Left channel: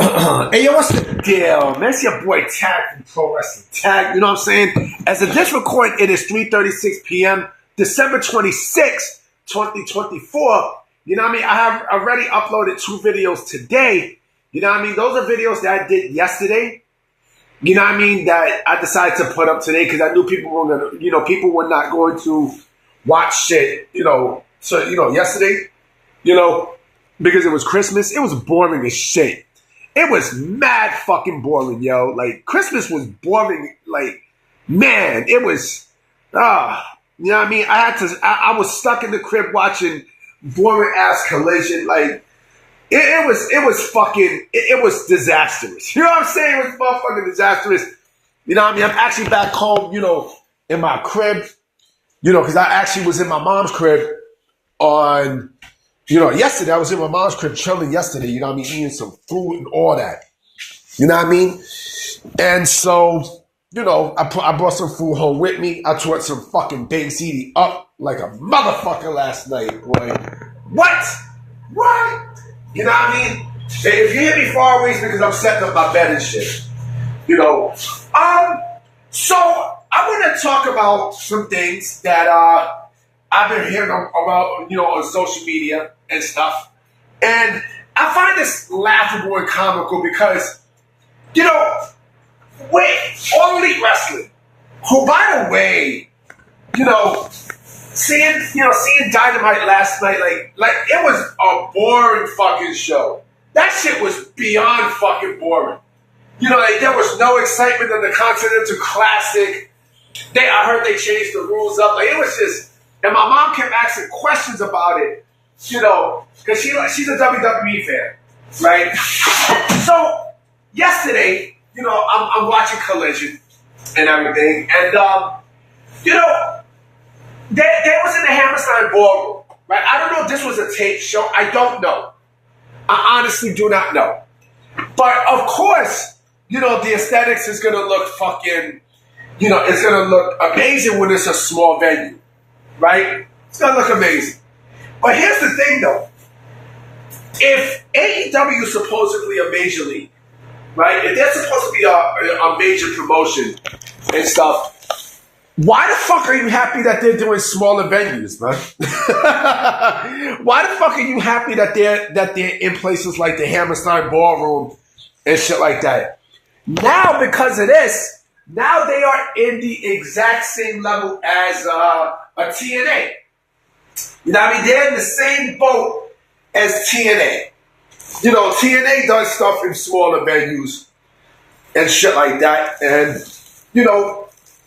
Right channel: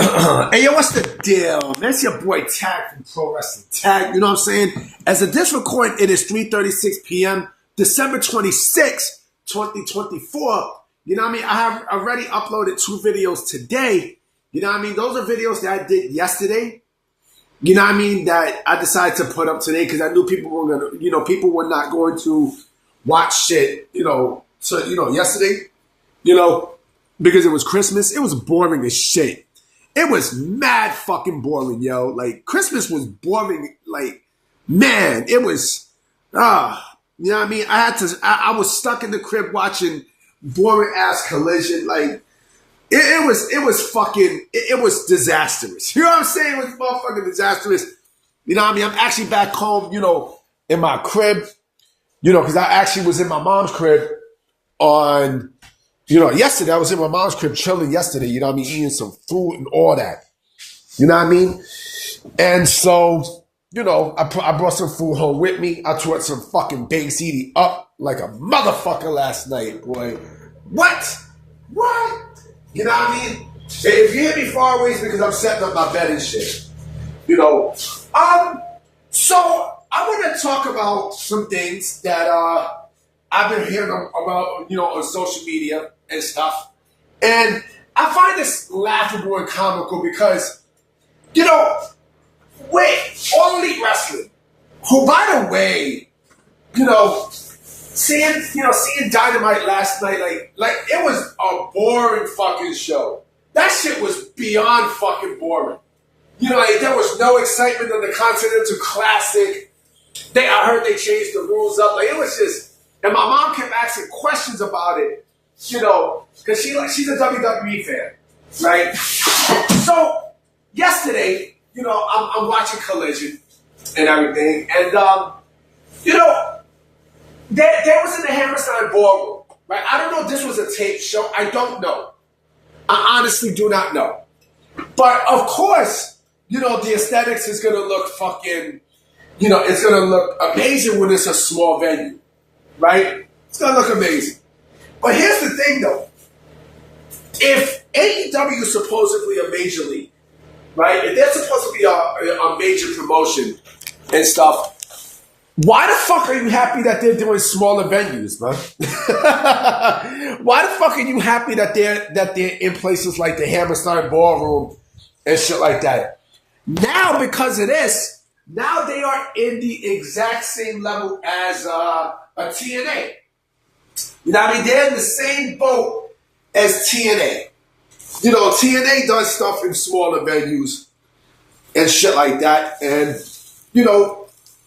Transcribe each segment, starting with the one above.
Hey, yo, what's the deal, man? It's your boy Tag from Pro Wrestling Tag. You know what I'm saying? As of this recording, it is 3:36 p.m., December 26th, 2024. You know what I mean? I have already uploaded 2 videos today. You know what I mean? Those are videos that I did yesterday. You know what I mean? That I decided to put up today because I knew people were gonna, people were not going to watch shit, yesterday, you know, because it was Christmas. It was boring as shit. It was mad fucking boring, yo. Like, Christmas was boring. Like, man, it was, you know what I mean? I was stuck in the crib watching boring ass Collision. Like, it was disastrous. You know what I'm saying? It was motherfucking disastrous. You know what I mean? I'm actually back home, in my crib, because I actually was in my mom's crib on, yesterday. I was in my mom's crib chilling yesterday, you know what I mean? Eating some food and all that. You know what I mean? And so, I brought some food home with me. I tore some fucking Big CD up like a motherfucker last night, boy. What? You know what I mean? If you hear me far away, it's because I'm setting up my bed and shit. So I want to talk about some things that I've been hearing about, on social media and stuff. And I find this laughable and comical because, with All Elite Wrestling, who, by the way, seeing Dynamite last night, like it was a boring fucking show. That shit was beyond fucking boring. There was no excitement in the Continental Classic. I heard they changed the rules up. Like, it was just, and my mom kept asking questions about it, because she's a WWE fan, right? So yesterday, I'm watching Collision and everything, and they was in the Hammerstein Ballroom, right? I don't know if this was a tape show. I don't know. I honestly do not know. But of course, the aesthetics is going to look fucking, it's going to look amazing when it's a small venue, right? It's going to look amazing. But here's the thing, though. If AEW is supposedly a major league, right? If they're supposed to be a major promotion and stuff, why the fuck are you happy that they're doing smaller venues, man? Why the fuck are you happy that they're in places like the Hammerstein Ballroom and shit like that? Now, because of this, now they are in the exact same level as a TNA. You know what I mean? They're in the same boat as TNA. TNA does stuff in smaller venues and shit like that, and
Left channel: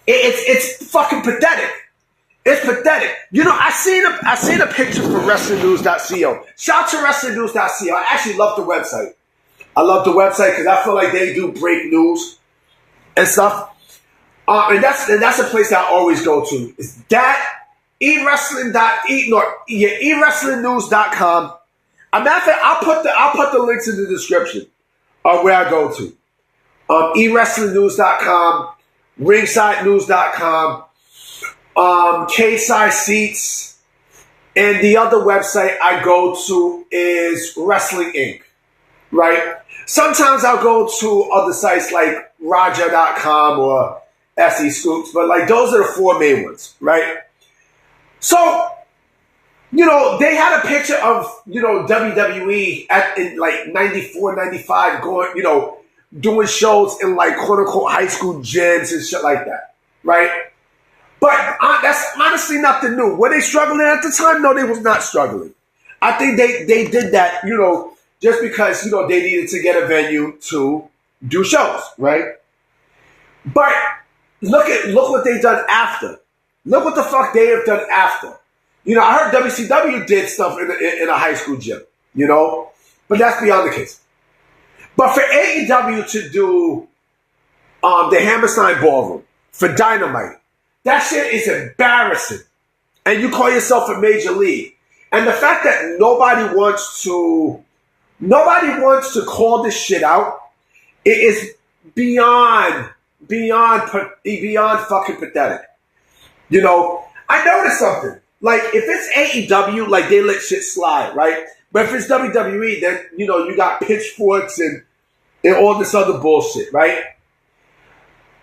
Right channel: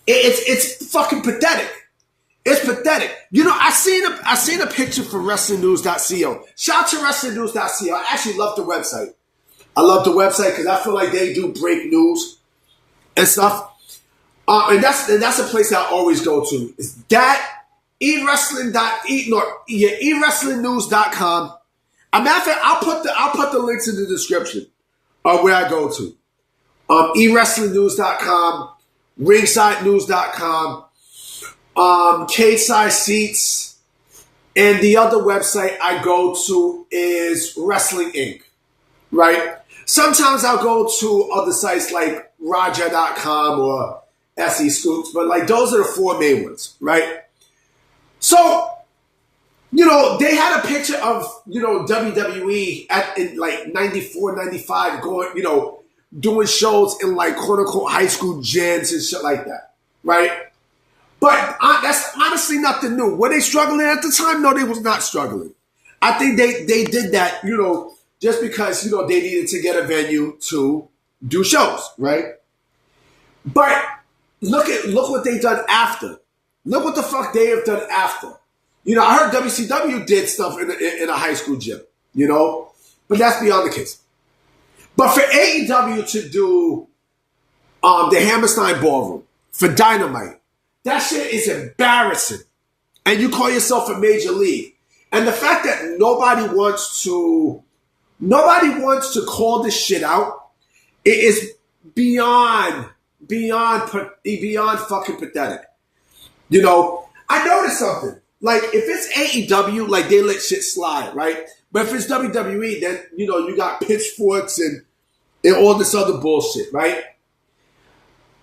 it's fucking pathetic. It's pathetic. I seen a picture from WrestlingNews.co. Shout out to WrestlingNews.co. I actually love the website. I love the website because I feel like they do break news and stuff. And that's a place that I always go to. Is that eWrestlingNews.com. As a matter of fact, I'll put the links in the description of where I go to. eWrestlingNews.com, RingsideNews.com, K-Side Seats, and the other website I go to is Wrestling Inc. Right? Sometimes I'll go to other sites like Raja.com or SE Scoops, but like those are the 4 main ones, right? So, they had a picture of, WWE in like 94, 95 going, doing shows in like quote unquote high school gyms and shit like that, right? But that's honestly nothing new. Were they struggling at the time? No, they was not struggling. I think they did that, just because, they needed to get a venue to do shows, right? But look what they've done after. Look what the fuck they have done after. I heard WCW did stuff in a high school gym, but that's beyond the case. But for AEW to do the Hammerstein Ballroom for Dynamite, that shit is embarrassing. And you call yourself a major league. And the fact that nobody wants to call this shit out, it is beyond fucking pathetic. I noticed something. Like, if it's AEW, like, they let shit slide, right? But if it's WWE, then, you got pitchforks and and all this other bullshit, right?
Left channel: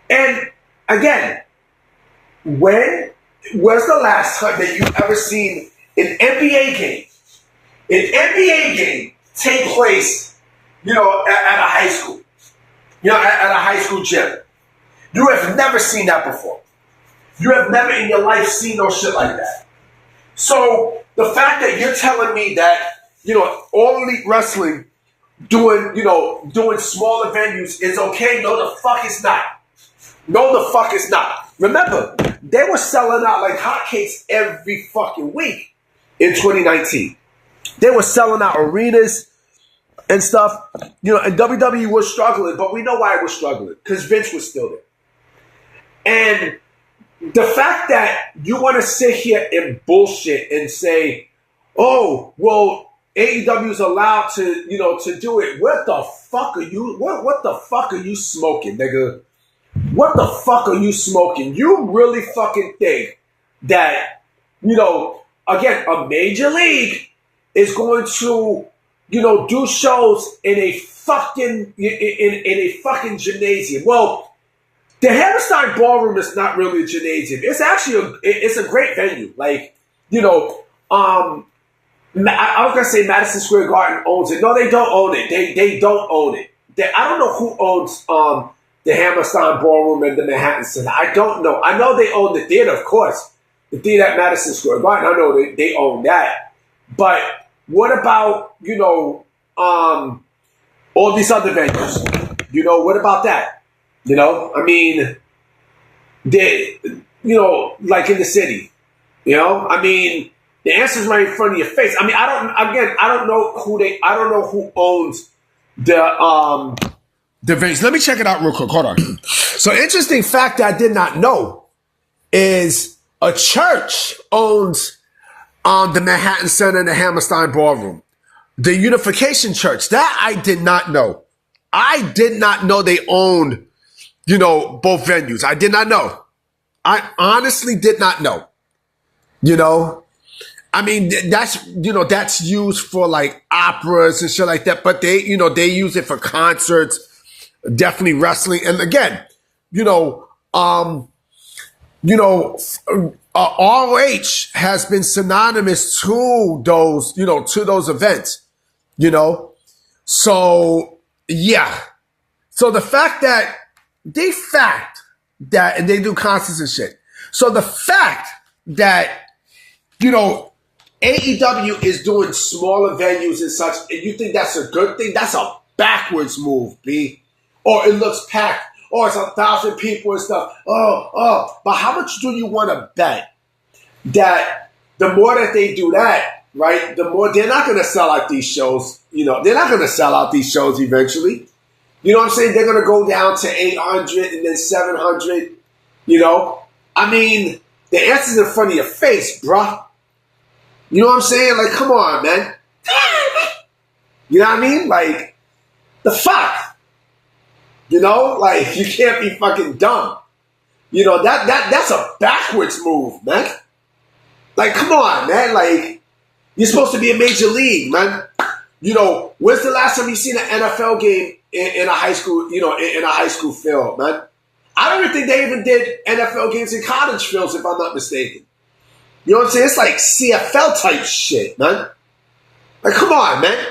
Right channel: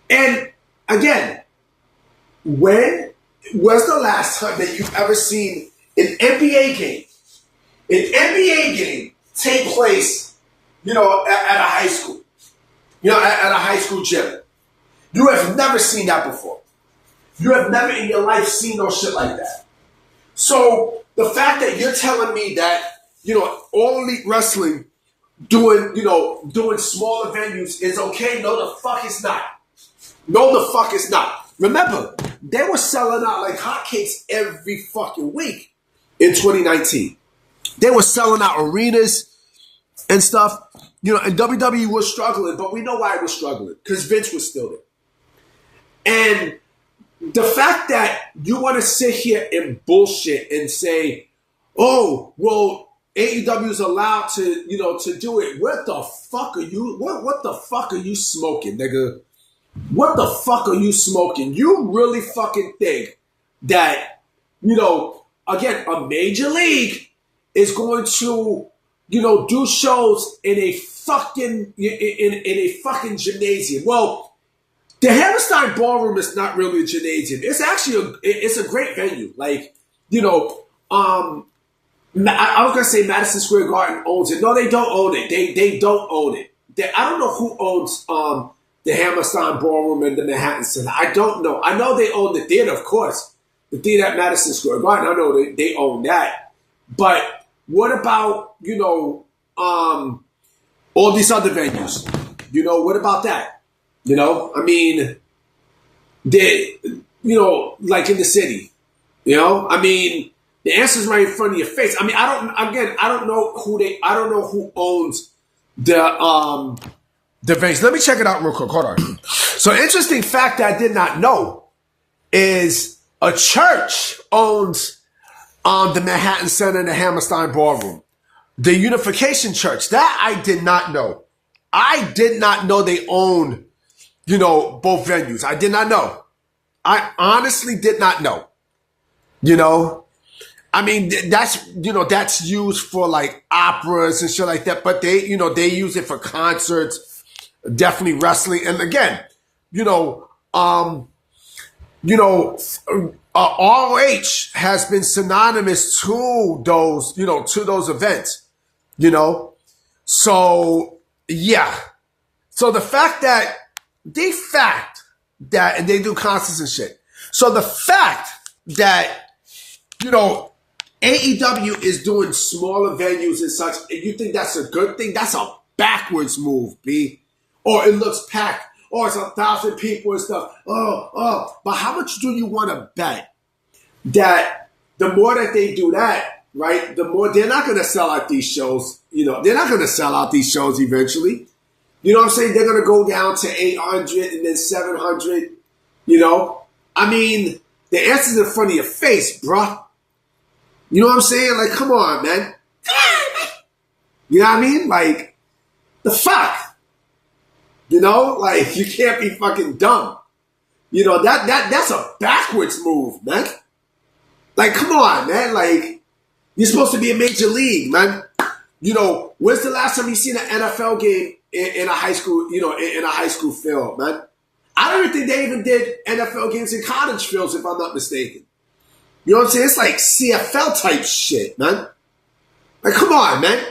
And again, when was the last time that you've ever seen an NBA game take place, at a high school, at a high school gym? You have never seen that before. You have never in your life seen no shit like that. So the fact that you're telling me that, All Elite Wrestling doing smaller venues is okay, no the fuck it's not. No the fuck it's not. Remember, they were selling out like hotcakes every fucking week in 2019. They were selling out arenas and stuff. And WWE was struggling, but we know why it was struggling, because Vince was still there. And the fact that you want to sit here and bullshit and say, oh, well, AEW is allowed to, to do it. What the fuck are you, what the fuck are you smoking, nigga? What the fuck are you smoking? You really fucking think that, again, a major league is going to, do shows in a fucking, in a fucking gymnasium? Well, the Hammerstein Ballroom is not really a gymnasium. It's actually it's a great venue. Like, I was gonna say Madison Square Garden owns it. No, they don't own it. They don't own it. I don't know who owns the Hammerstein Ballroom and the Manhattan Center. I don't know. I know they own the theater, of course. The theater at Madison Square Garden. I know they own that. But what about all these other venues? What about that? I mean, they, like in the city, I mean, the answer's right in front of your face. I mean, I don't know who owns the venues. Let me check it out real quick. Hold on. So, interesting fact that I did not know is a church owns the Manhattan Center and the Hammerstein Ballroom. The Unification Church. That I did not know. I did not know they owned both venues. I did not know. I honestly did not know. I mean, that's used for like operas and shit like that, but they use it for concerts, definitely wrestling. And again, ROH has been synonymous to those events, So, yeah. So the fact that, and they do concerts and shit. So the fact that, AEW is doing smaller venues and such, and you think that's a good thing, that's a backwards move, B. Or it looks packed, or it's 1,000 people and stuff. But how much do you want to bet that the more that they do that, right, the more they're not going to sell out these shows, they're not going to sell out these shows eventually. You know what I'm saying? They're going to go down to 800 and then 700, I mean, the answer's in front of your face, bruh. You know what I'm saying? Like, come on, man. You know what I mean? Like, the fuck? Like, you can't be fucking dumb. That's a backwards move, man. Like, come on, man. Like, you're supposed to be a major league, man. When's the last time you seen an NFL game in a high school, in a high school field, man? I don't even think they even did NFL games in college fields, if I'm not mistaken. You know what I'm saying? It's like CFL type shit, man. Like, come on, man.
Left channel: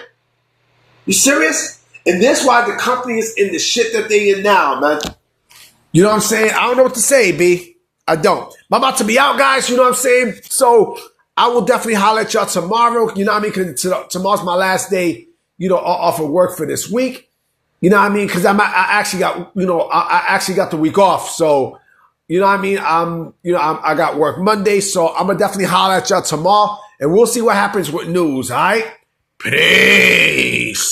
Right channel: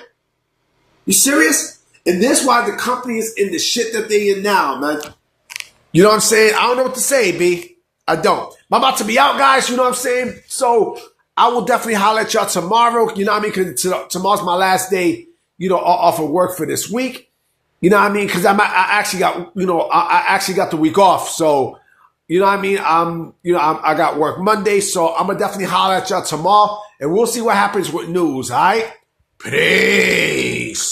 You serious? And that's why the company is in the shit that they in now, man. You know what I'm saying? I don't know what to say, B. I don't. I'm about to be out, guys. You know what I'm saying? So I will definitely holler at y'all tomorrow. You know what I mean? Because tomorrow's my last day, off of work for this week. You know what I mean? Because I actually got, I actually got the week off. So, you know what I mean? I got work Monday. So I'm going to definitely holler at y'all tomorrow. And we'll see what happens with news, all right? Peace.